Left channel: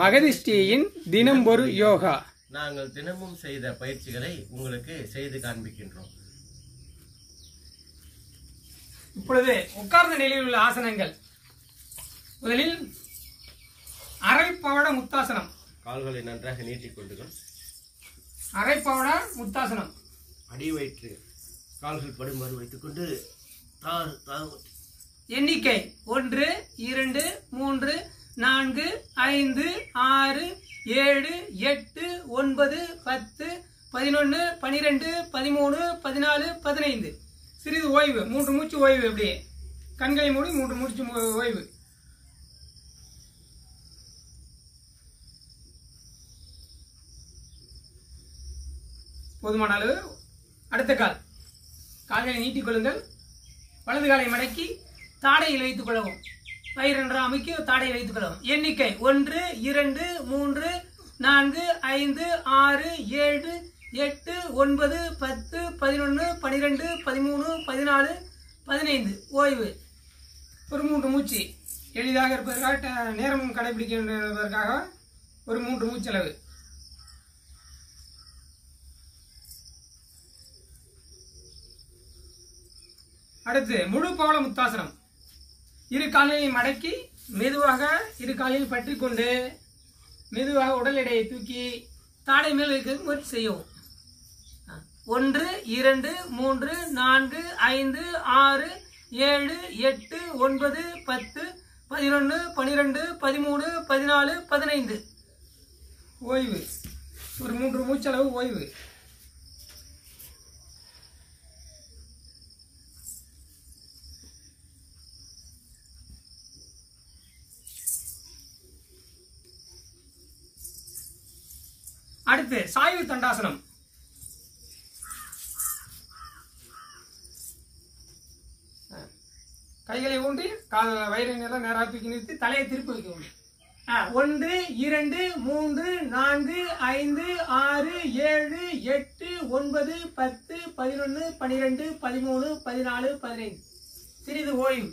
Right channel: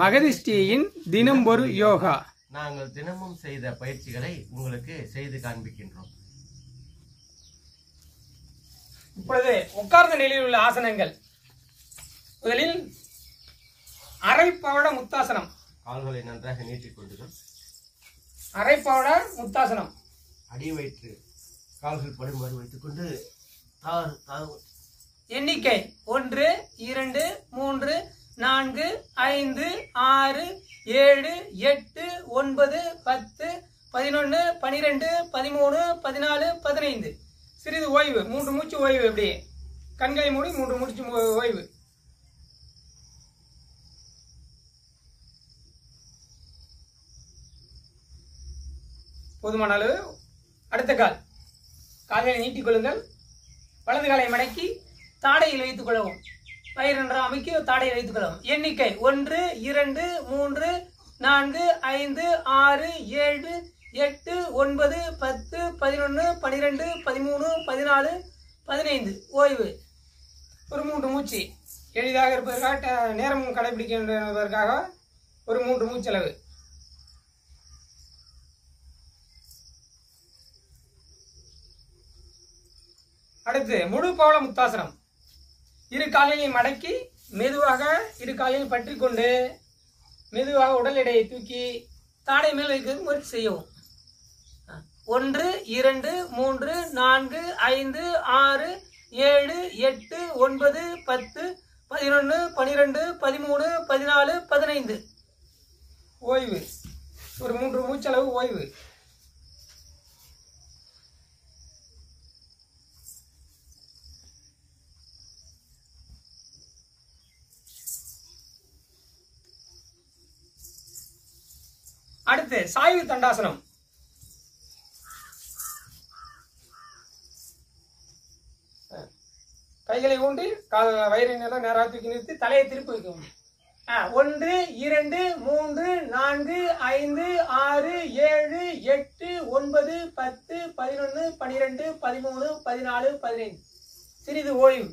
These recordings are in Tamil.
மகதிஷ்டியின் தினம் ஒரு யோகா. நாங்கள் தினமும் செய்த பயிற்சிகளை உங்களுக்கு செய்து காண்பிக்கின்றோம். இப்பொழுது உட்கார்ந்த நிலையில் உள்ள ஆசனங்கள். முதலில் அரைப்பவட முத்தாசனம். கால்களை நன்றாக நீட்டிக் கொள்ளுங்கள். அரைப்பவட முத்தாசனம். அடி வயிற்று கால்கள் படுமாறு வைத்துக் கொண்டு எண்ணிக்கை 1 2 3 4 5 6 7 8 9 10 11 12 13 14 15. சிறிது ஓய்வு, 3 மூச்சு ஓய்வு. அப்படியே கண்களை மூடி 3 மூச்சு ஓய்வு. போதுமான அளவு. அடுத்த கால்களை நீட்டிக் கொள்ளுங்கள். வலது காலை மடக்கி தாடையில் வைத்துக் கொள்ளவும். பயிர் என்ற அமைக்க தாடையில் வைத்துக் கொள்ளவும். எண்ணிக்கை 1 2 3 4 5 6 7 8 9 10 11 12 13 14 15. ஓய்வு. ஒரு 3 மூச்சு எளிதாக இருப்பதற்காக, நேரம் கடைபிடிக்கின்றதற்காக ஒரு 3 மூச்சளவு. அடுத்து முழு பவள முத்தாசனம். இரு காலையும் மடக்கி மெதுவாக இரு காலையும் பற்றி கொண்டு மெதுவாக உடல் எடையை தூக்கி தாடை மேல் வைக்க முயற்சி செய்யவும். 1 2 3 4 5 6 7 8 9 10 11 12 13 14 15. ஓய்வு. ஒரு 3 மூச்சளவு ஓய்வு. அடுத்து சாய்வு தண்டாசனம். கைகளை ஊன்றி வயிறை நேராக தூக்கி நிறுத்தி தலையை திருப்பி வைக்கணும். 1 2 3 4 5 6 7 8 9 10 11 12 13 14 15. சிறிது ஓய்வு.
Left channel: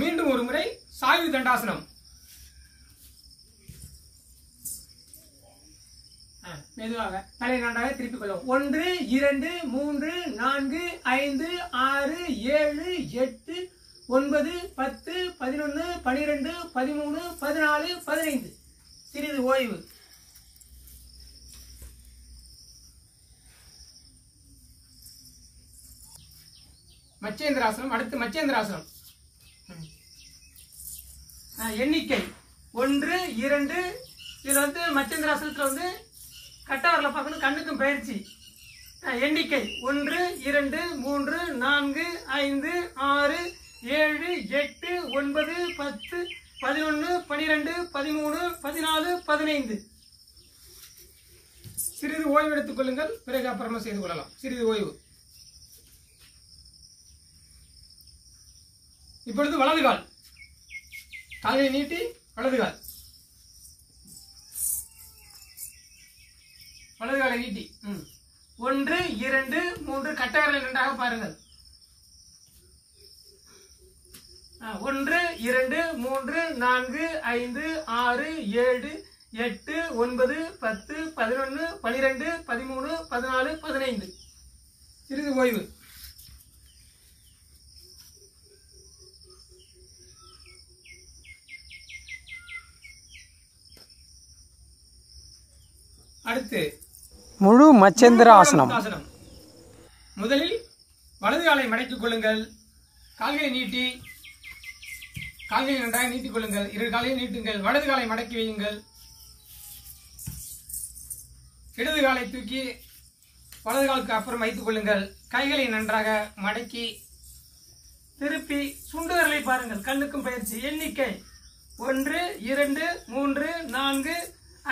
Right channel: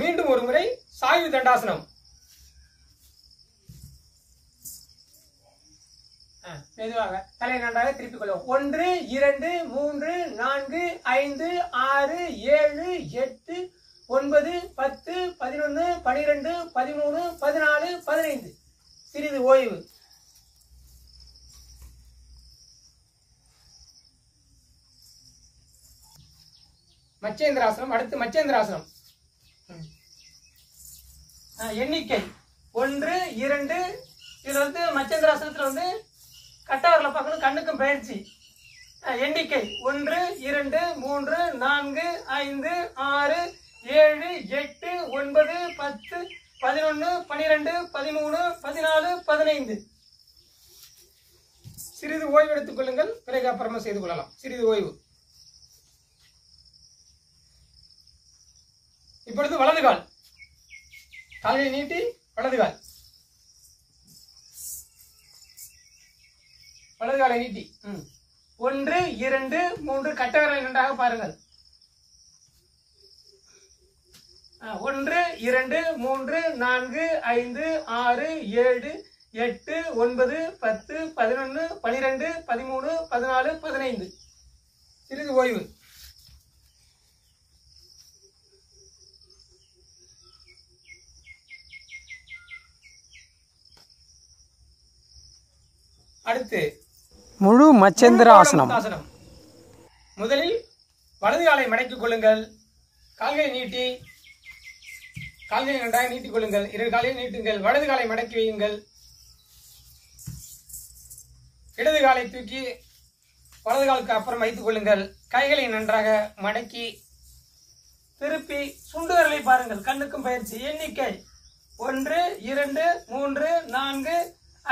மீண்டும் ஒரு முறை சாய்வு தண்டாசனம். மெதுவாக தலை நன்றாக திருப்பிக் கொள்ளும். 1 2 3 4 5 6 7 8 9 10 11 12 13 14 15. சிறிது ஓய்வு. மச்சேந்திராசனம். அடுத்து மச்சேந்திராசனம். எண்ணிக்கை 1 2. இது மச்சேந்திராசனத்துல கட்டவரல பார்க்கணும், கண்ணுக்கும் பயிற்சி. எண்ணிக்கை 1 2 3 4 5 6 7 8 9 10 11 12 13 14 15. சிறிது ஓய்வு எடுத்துக் கொள்ளுங்கள். பிறகு அப்புறமா செய்து கொள்ளலாம். சிறிது ஓய்வு. இப்பொழுது வலது கால். காலை நீட்டி வலது கால். வலது காலை நீட்டி 1 2 3 கட்டவரல் இரண்டாக பாருங்கள். 1 2 3 4 5 6 7 8 9 10 11 12 13 14 15. சிறிது ஓய்வு. அடுத்து முழு மச்சேந்திர ஆசனம். முதலில் வலது காலை மடக்கிக் கொள்ளுங்கள். கால்களை நீட்டி கால்களை நன்றாக நீட்டிக் கொள்ளுங்கள். 2 காலையும் நீட்டுங்கள். வலது காலை மடக்கி வையுங்கள். இடது காலை தூக்கி வலது காலுக்கு அப்புறம் வைத்துக் கொள்ளுங்கள். கைகளை நன்றாக மடக்கி திருப்பி சுண்டு விரலை பாருங்கள். கண்ணுக்கும் பயிற்சி. எண்ணிக்கை 1 2 3 4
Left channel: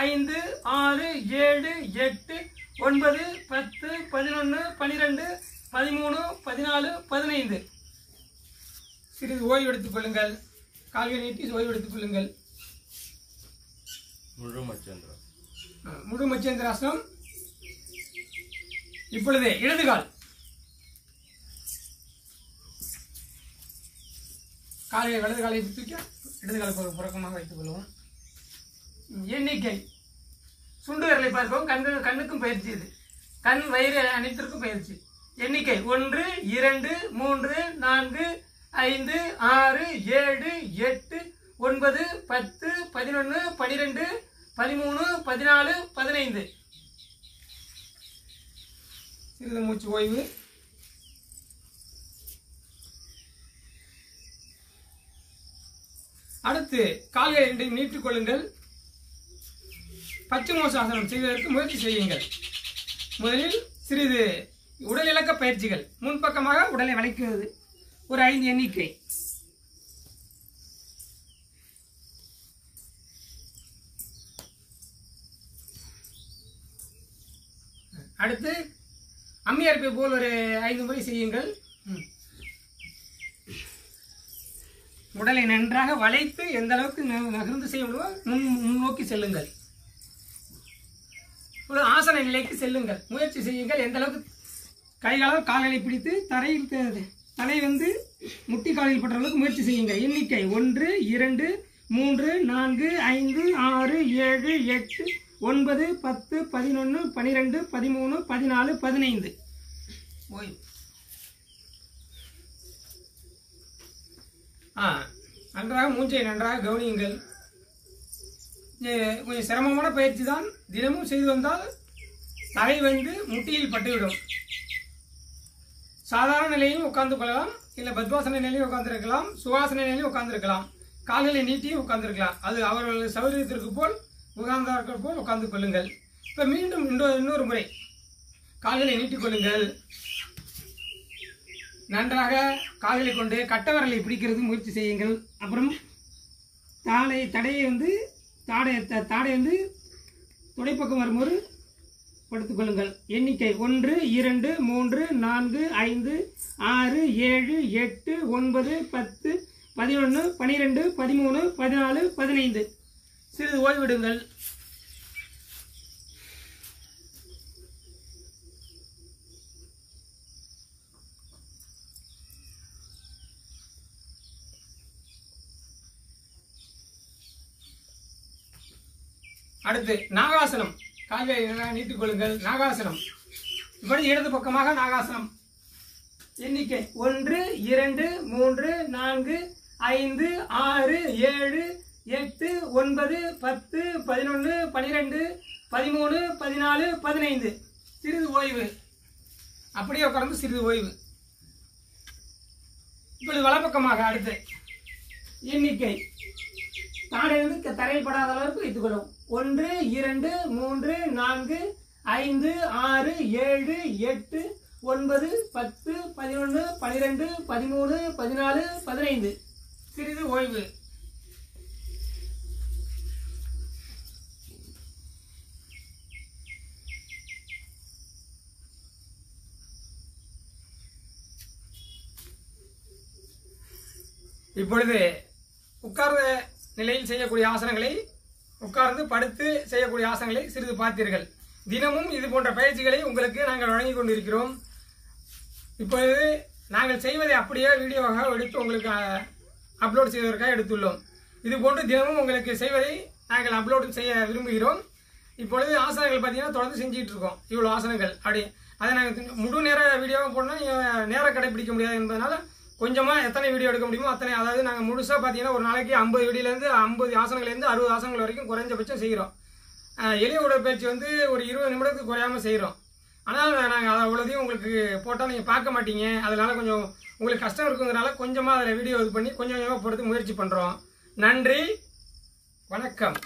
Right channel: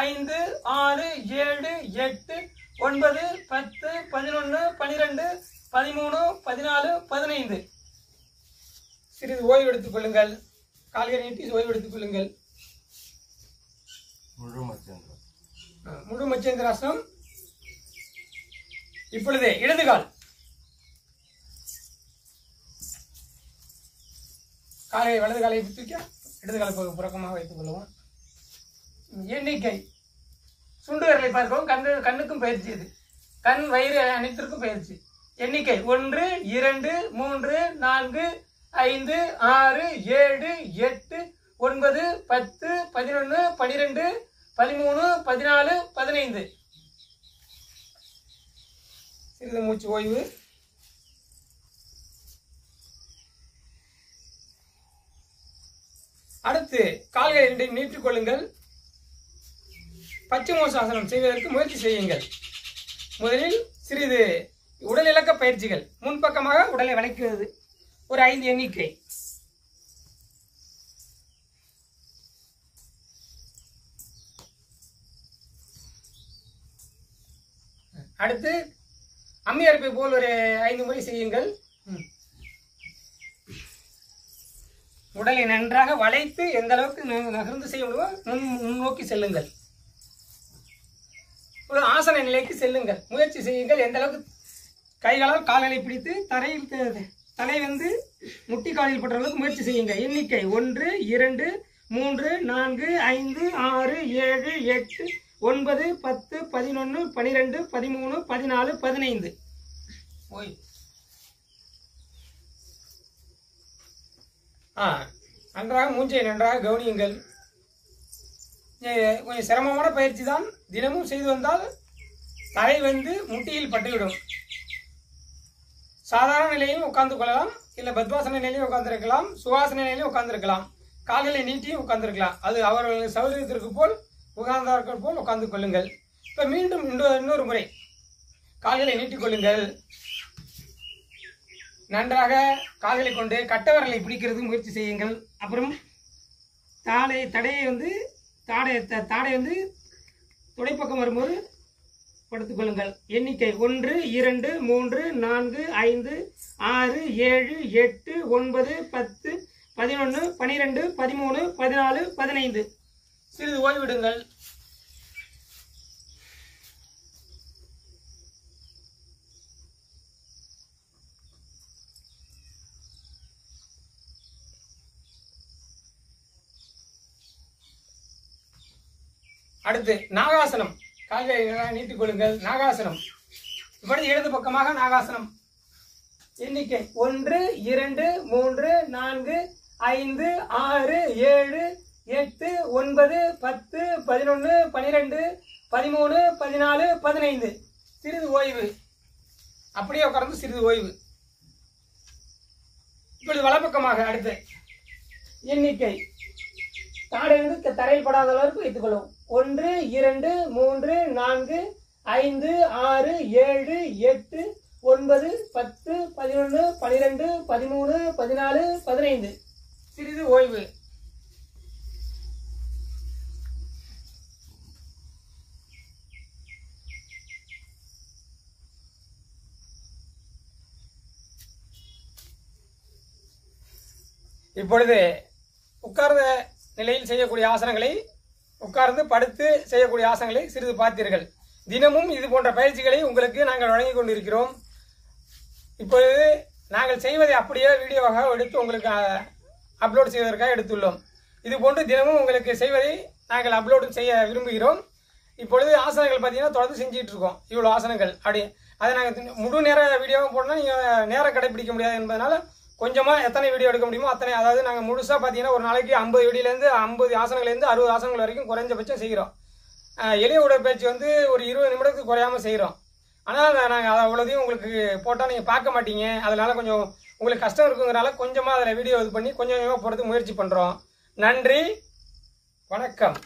5 6 7 8 9 10 11 12 13 14 15. சிறிது ஓய்வு எடுத்துக் கொள்ளுங்கள். கால்களை நீட்டி ஓய்வு எடுத்துக் கொள்ளுங்கள். முழு மச்சேந்திராசனம். இப்பொழுது இடது கால் வலது காலை தூக்கி இடது காலை புறக்கமாக வைத்துக் கொள்வோம். எண்ணிக்கை சுண்டு விரலை பார்க்கவும் கண்ணுக்கும் பயிற்சி. இது கண் வயிறு அனைத்திற்கும் பயிற்சி. எண்ணிக்கை 1 2 3 4 5 6 7 8 9 10 11 12 13 14 15. சிறிது மூச்சு ஓய்வு. அடுத்து கால்களை இரண்டையும் நீட்டிக் கொள்ளுங்கள். பச்சைமோசாசனம் செய்வதற்கு முயற்சி செய்யுங்கள். முதலில் சிறிது உடல் இலக்க பயிற்சிகள். முன்பக்கமாக உடலை வளைக்கிறது. ஒரு 5 எண்ணிக்கை. அடுத்து அம்மியரிப்பை போல் ஒரு 5 முறை செய்யுங்கள். உடலை நன்றாக வளைத்து எந்த அளவுக்கு நகர்ந்து செய்ய முடியுமோ முன்னோக்கி செல்லுங்கள். ஒரு ஆசன நிலைக்கு செல்லுங்கள். முயற்சி செய்யுங்கள். எந்த அளவுக்கு கைகளால் கால்களை பிடித்து தலை வந்து முட்டி காலில் பற்ற அளவுக்கு முயற்சி செய்யுங்கள். எண்ணிக்கை 1 2 3 4 5 6 7 8 9 10 11 12 13 14 15. ஓய் நன்றாக மூச்சை நன்றாக கவனியுங்கள். கொஞ்சம் சிரமமான பயிற்சி தான். தினமும் செய்து வந்தால் தலை வந்து முட்டியில் பட்டுவிடும். சாதாரண நிலையும் உட்கார்ந்து கொள்ளலாம், இல்லை பத்வாசன நிலையும் உட்கார்ந்துருக்கலாம், சுகாசன நிலையும் உட்கார்ந்துருக்கலாம், கால்களை நீட்டியும் உட்கார்ந்துருக்கலாம். அது அவர்கள் சௌகரியத்திற்கு போல் உட்கார்ந்தார்கள் போல் உட்கார்ந்து கொள்ளுங்கள். இப்போ மீண்டும் இன்னொரு முறை கால்களை நீட்டிக் கொள்ளுங்கள். நன்றாக கால்களை கொண்டு கட்டவரலை பிடிக்கிறது முயற்சி செய்யுங்கள். அப்புறம் தாடையை வந்து தாடை வந்து துடைப்பக்கம் வரும்போது படுத்துக் கொள்ளுங்கள். எண்ணிக்கை 1 2 3 4 5 6 7 8 9 10 11 12 13 14 15. சிறிது ஓய்விடுங்கள். அடுத்து நாகாசனம். கால்களை நீட்டிக் கொள்ளுங்கள். நாகாசனம். இப்பொழுது இடது பக்கமாக நாகாசனம். எண்ணிக்கை 1 2 3 4 5 6 7 8 9 10 11 12 13 14 15. சிறிது ஓய்வு. அப்படியே உட்கார்ந்து சிறிது ஓய்வு. இப்பொழுது வலப்பக்கமாக அடுத்து எண்ணிக்கை தாடை வந்து தரையில் படாத அளவுக்கு வைத்துக் கொள்ளும். 1 2 3 4 5 6 7 8 9 10 11 12 13 14 15. சிறிது ஓய்வு. இப்பொழுது உட்கார்ந்த நிலையில் செய்யக்கூடிய ஆசனங்களை, உட்கார்ந்து படுத்து செய்யக்கூடிய ஆசனங்களை சிறிது பார்த்தீர்கள். தினமும் இது போன்ற பயிற்சிகளை உங்களுக்கு நாங்கள் வழங்கிக் கொண்டிருக்கிறோம். இப்பொழுது நாங்கள் செய்வதை அப்படியே வீடியோவாக எடுத்து உங்களுக்கு அப்லோட் செய்வதற்காக எடுத்துள்ளோம். இது போன்று தினமும் உங்களுக்கு செய்வதை நாங்கள் அப்லோட் செய்ய விரும்புகிறோம். இப்பொழுது ஆசனங்கள் பார்த்தீங்கன்னா தொடர்ந்து செஞ்சுட்டு இருக்கோம். இவ்வளோ ஆசனங்கள் அப்படி அதை நாங்கள் முழு நேர வீடியோவாக போடணும். நீங்கள் நேரம் கடைபிடிக்க முடியாது என்பதனால கொஞ்சமாக எத்தனை வீடியோ எடுக்க முடியுமோ அத்தனை, அதாவது நாங்கள் முழுசாக பார்த்தீங்கன்னா ஒரு நாளைக்கு 50 வீடியோலேருந்து 50 ஆசனங்கள்லேருந்து 60 ஆசனங்கள் வரைக்கும் குறைஞ்சபட்சம் செய்கிறோம். எளிய உடற்பயிற்சி வந்து ஒரு 20 நிமிடத்துக்கு குறையாமல் செய்கிறோம். ஆனால் நாங்கள் அதை அவ்வளோதையும் உங்களுக்கு போட்டால் நீங்கள் பார்க்க மாட்டீங்க. அதனால கொஞ்சம் உங்களுக்கு கஷ்டம் இருக்குங்கிறனால கொஞ்சமாக அதில் வீடியோ இது பண்ணி கொஞ்சம் கொஞ்சமாக போகிறது முயற்சி பண்ணுறோம். நன்றி, வணக்கம்.